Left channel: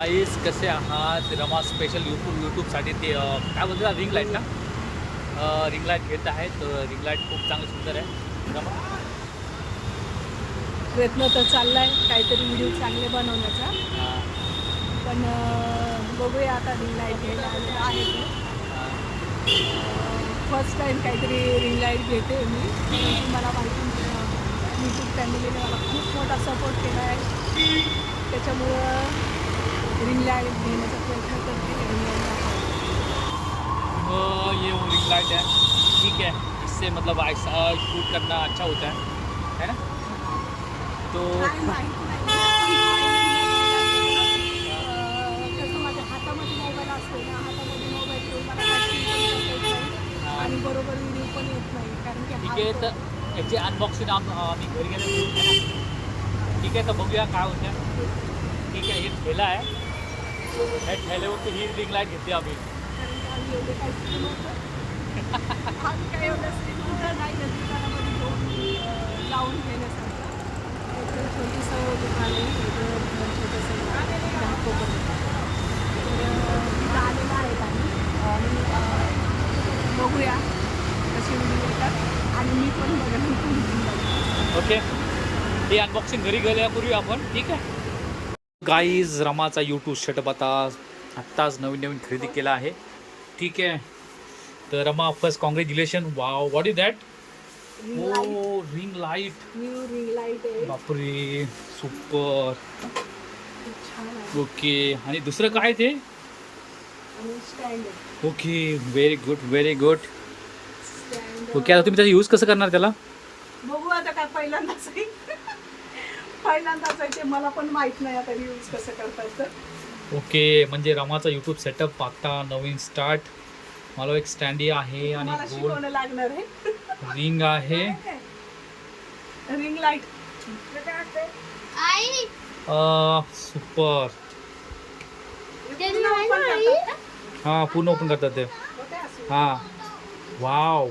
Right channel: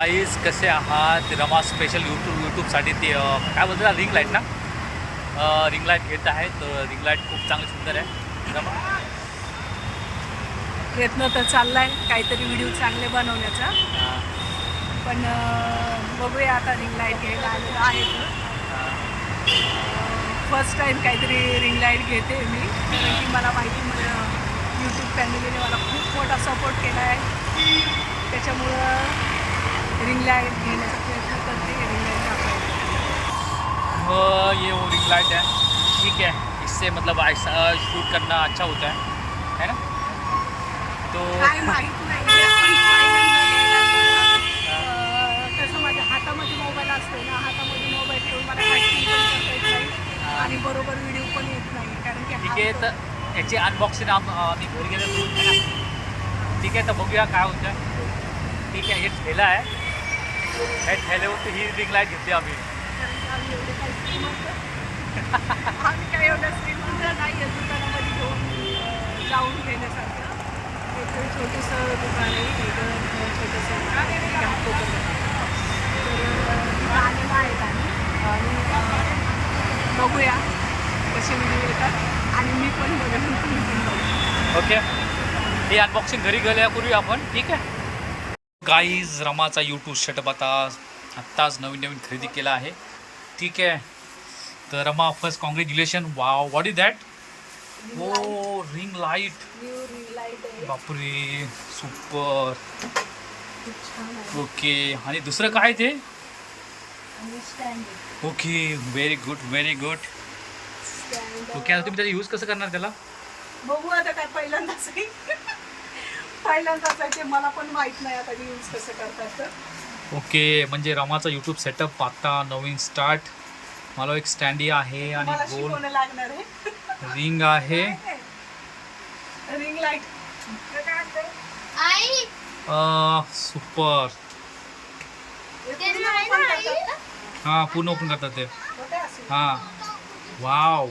Guys कसे आहात? Rama special यूट्यूबसाठी ते काय बोलतात रिंग लाईट ना, रिंग लाईट घेत आहे. तर रिंग लाईट खूप चांगली सुंदर आहे. रमा प्रयत्न तर चाललाय काहीतरी व्हिडिओ चांगले बनवण्याचा, पण बघूया आता. रिंग लाईट घ्यायला आलेलं आहे फर्स्ट टाईम काहीतरी रिंग लाईट घेते मी, कारण की मला माहिती यूट्यूब फॅमिलीने मला खूप मोठा सपोर्ट केला आहे. त्याच्यामुळं रिंग लाईट घेण्याचा प्रयत्न करते. रिंग लाईट ये वो रिंग लाइट है, ठीक है. इससे मतलब ऐसा शूट करना अच्छा होता है ना. तो काय माहीत नाही, पण पहिल्यांदा घ्यायला गेलं. कसं माझ्या हातामध्ये मोबाईल असते ना, हातामध्ये मोबाईल ठेवून मला ॲक्टिंग पण करता येत नाही आणि बरोबर व्हिडिओ पण येत नाही, कारण की ठीक आहे. तर याची अनबॉक्सिंग आम्ही घरी गेलो है ना. ठीक आहे, तर बघूया काय होतं आहे. ठीक आहे, हे ठेला आहे. हे ठेल्यावरती ही रिंग लाईट घेतली आम्ही. कारण की आम्ही एवढे काही श्रीमंत आम्ही काही एवढं श्रीमंत नाही आहे दुकानामध्ये घेऊन जाऊन घेण्यासारखं. एक छोटंसं दुकान आहे, एक छोटंसं घाटको करत. तर तिथं आलेलं आहेत आणि बघूया कसे व्हिडिओ येतात आणि मी पण बघेन, तुम्ही पण बघा. ओके, हे अनबॉक्सिंग घरी गेल्या करूया आपण. ठीक आहे गाईज, रमाचा यूट्यूब सेटअप आत्ताच नवीन खरेदी केला आहे. ठीक आहे, तर Rama first congratulation. Wow, what is that? Oh, ring light. Ring light आहे, बापरे, सुपर. खूप छान आहे. ओके, आणि दुसरं काय ते? आणि स्टँड आहे. Okay, very good very good. Stand okay, आता तुम्ही त्याचा यूज कसं करणार त्याला? बघू आता. काय पहिल्यांदाच आहे पहिल्यांदाच आहे ते, मला पण माहित नाही आता यूज कसं करता येतं. ओके, म्हणजे रमाचा यूट्यूब सेटअप आता नवीन स्टार्ट. मला एक स्टँडी आहे आणि मला गोल शिकवणे लागणार आहे. रिंग आहे. रिंग लाईट आई सुपर. ते नाही ना आई. हां, पूर्ण ओपन करतात ते. हां, वाव,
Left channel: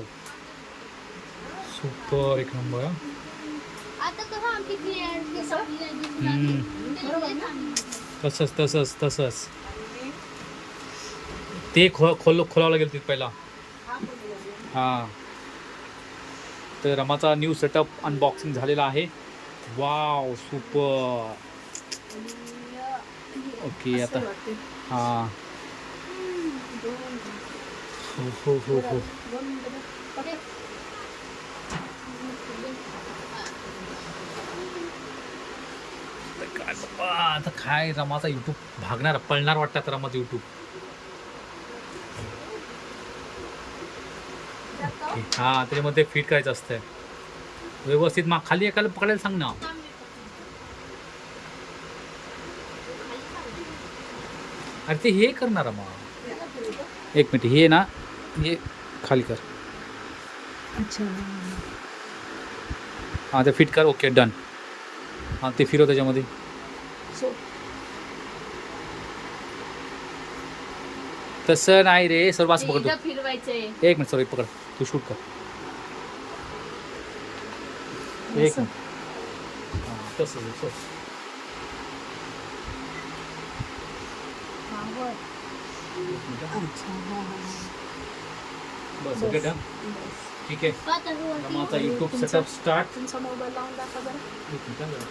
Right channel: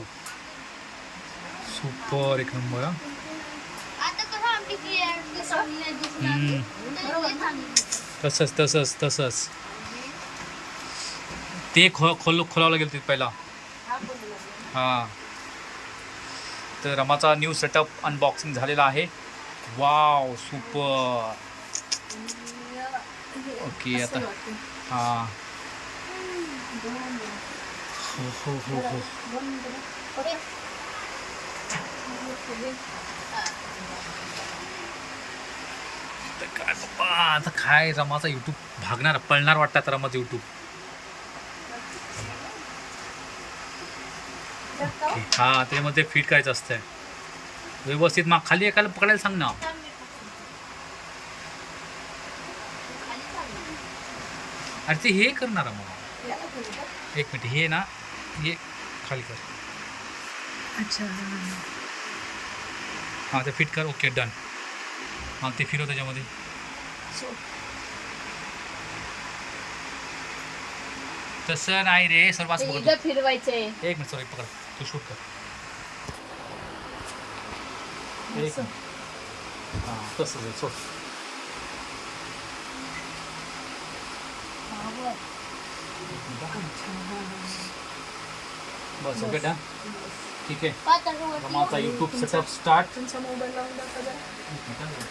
सुपर, एक नंबर. आता कसं आमची क्रिएट संपली हम्म. तसंच ते खोलावं लागेल ते पहिला. हां, तर रमाचा न्यू सेटअप अनबॉक्सिंग झालेला आहे. Wow, super. ओके, आता हां, हो. तर काय बाप्पा, आता काय रमाचा यूट्यूब भागणार, पळणार वाटतं आता रमाचं यूट्यूब. ओके, हां, त्याच्यामध्ये फिट करायचं असतं व्यवस्थित. मग खाली एकाला पकडायला सांग ना. अरे ते हे करणार मग. एक मिनिट, हे ना, हे खाली कर. अच्छा. हां, ते फिट कर. Okay, done. हां, ते फिरव त्याच्यामध्ये. सो तसं नाही रे, सर्व असं पकड. इथं फिरवायचंय. एक मिनिट, सॉरी, पकड. तू शूट कर. एक मिनिट. हां, तसंच आहे. सो एक मिनिट. बस, ओके, डन. ठीक आहे, रमाचा यूट्यूब सेटअप स्टार्ट. तुमचा मोबाईल लावून दाखवा बरं. एक मिनिट जरा.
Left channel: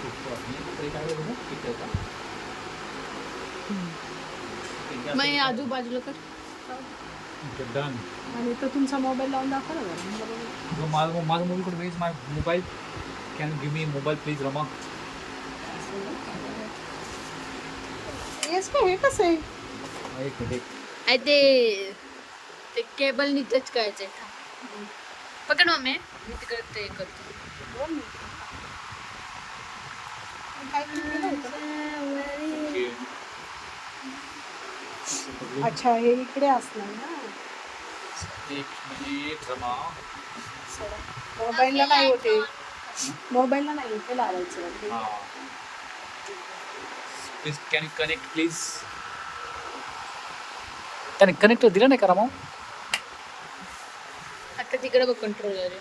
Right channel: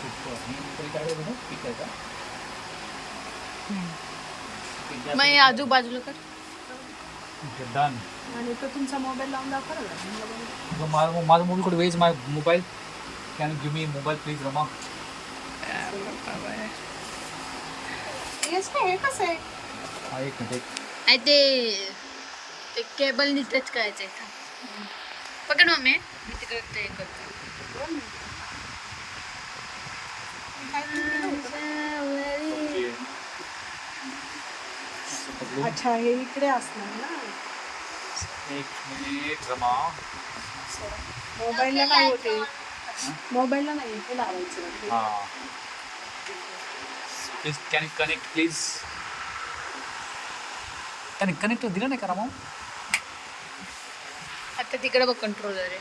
सुपर. तरी काय करायचं? ठीक आहे का? मग आजूबाजूला कर. Okay, done. आणि तो तुमचा मोबाईल लावून दाखवा ना. माझा मोबाईल कुठे? Where's my mobile. Can give me mobile please Rama. Yes काय, हे कसं आहे? हा, एक मिनिट. आई ते केबल नीटच करायचंय. पकड मम्मी, मी तिकडे ते करतो. अच्छा, हे इकडे असणार ना. एक मिनिट रमा. मोबाईलला नाही होते, मोबाईलला नाही होते लावायचं. हां, प्लीज कॅन कनेक्ट प्लीज. त्याने कनेक्ट दिलं नाही का रमा? आता तिकडे बघ कंट्रोलर आहे.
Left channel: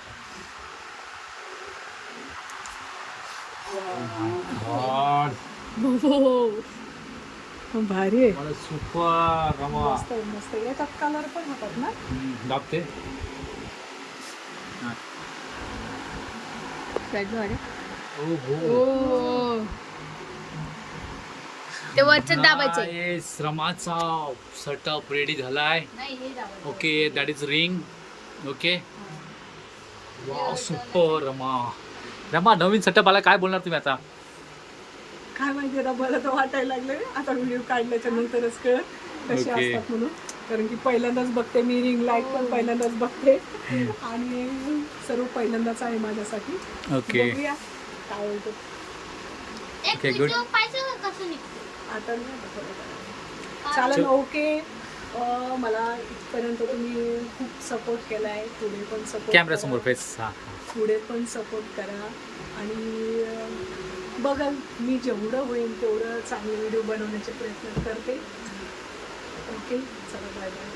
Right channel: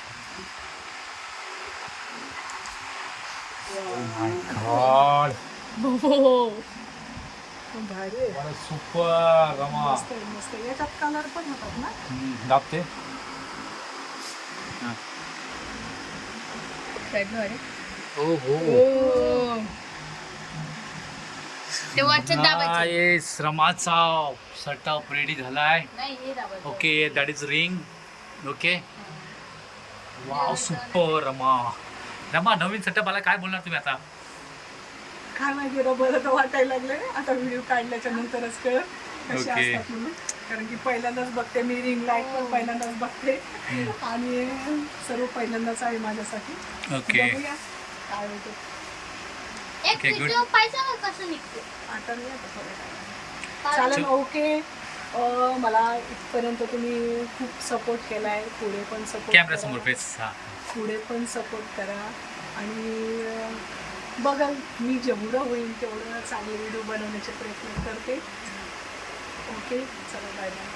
गॉड भारी आहे. सुपर रमा. मस्त आहे, मस्त आहे. याच्यात कलर पण होतात ना. दाबते. हो हो. ते वरचं दाबायचं. Guys, रमाचा सेटअप रेडी झालाय. नाही हे दाबायचं. Okay that is ring. Okay wow super Rama. Rama नवीन सेटअप आला, काय बोलणार तुम्ही आता? काय माहिती आता बरं तर वाटायला लागलंय. आता व्हिडिओ काढल्याच्या नंतरच कळत कसे Okay. असतात म्हणून. कारण की पहिल्यांदाच बघते मी रिंग लाईट पण पहिल्यांदाच बघते आणि सर्व पहिल्यांदाच आहे माझ्यासाठी. ओके बघूया काय होतं. एक Okay, good. मिनिट पाहिजे कसं निघतं. आता नाही आता थोडं काय. चालेल ओके. मला इथपर्यंत तुम्ही खूप सपोर्ट केलाय. पुढे पण सपोर्ट कॅमेरा समोर फेस. हा पुढे पण सपोर्ट करा आणि बघाल मी जेवढं होईल तेवढं चांगली व्हिडिओ बनवण्याचे प्रयत्न करते. ओके चला बाय बाय.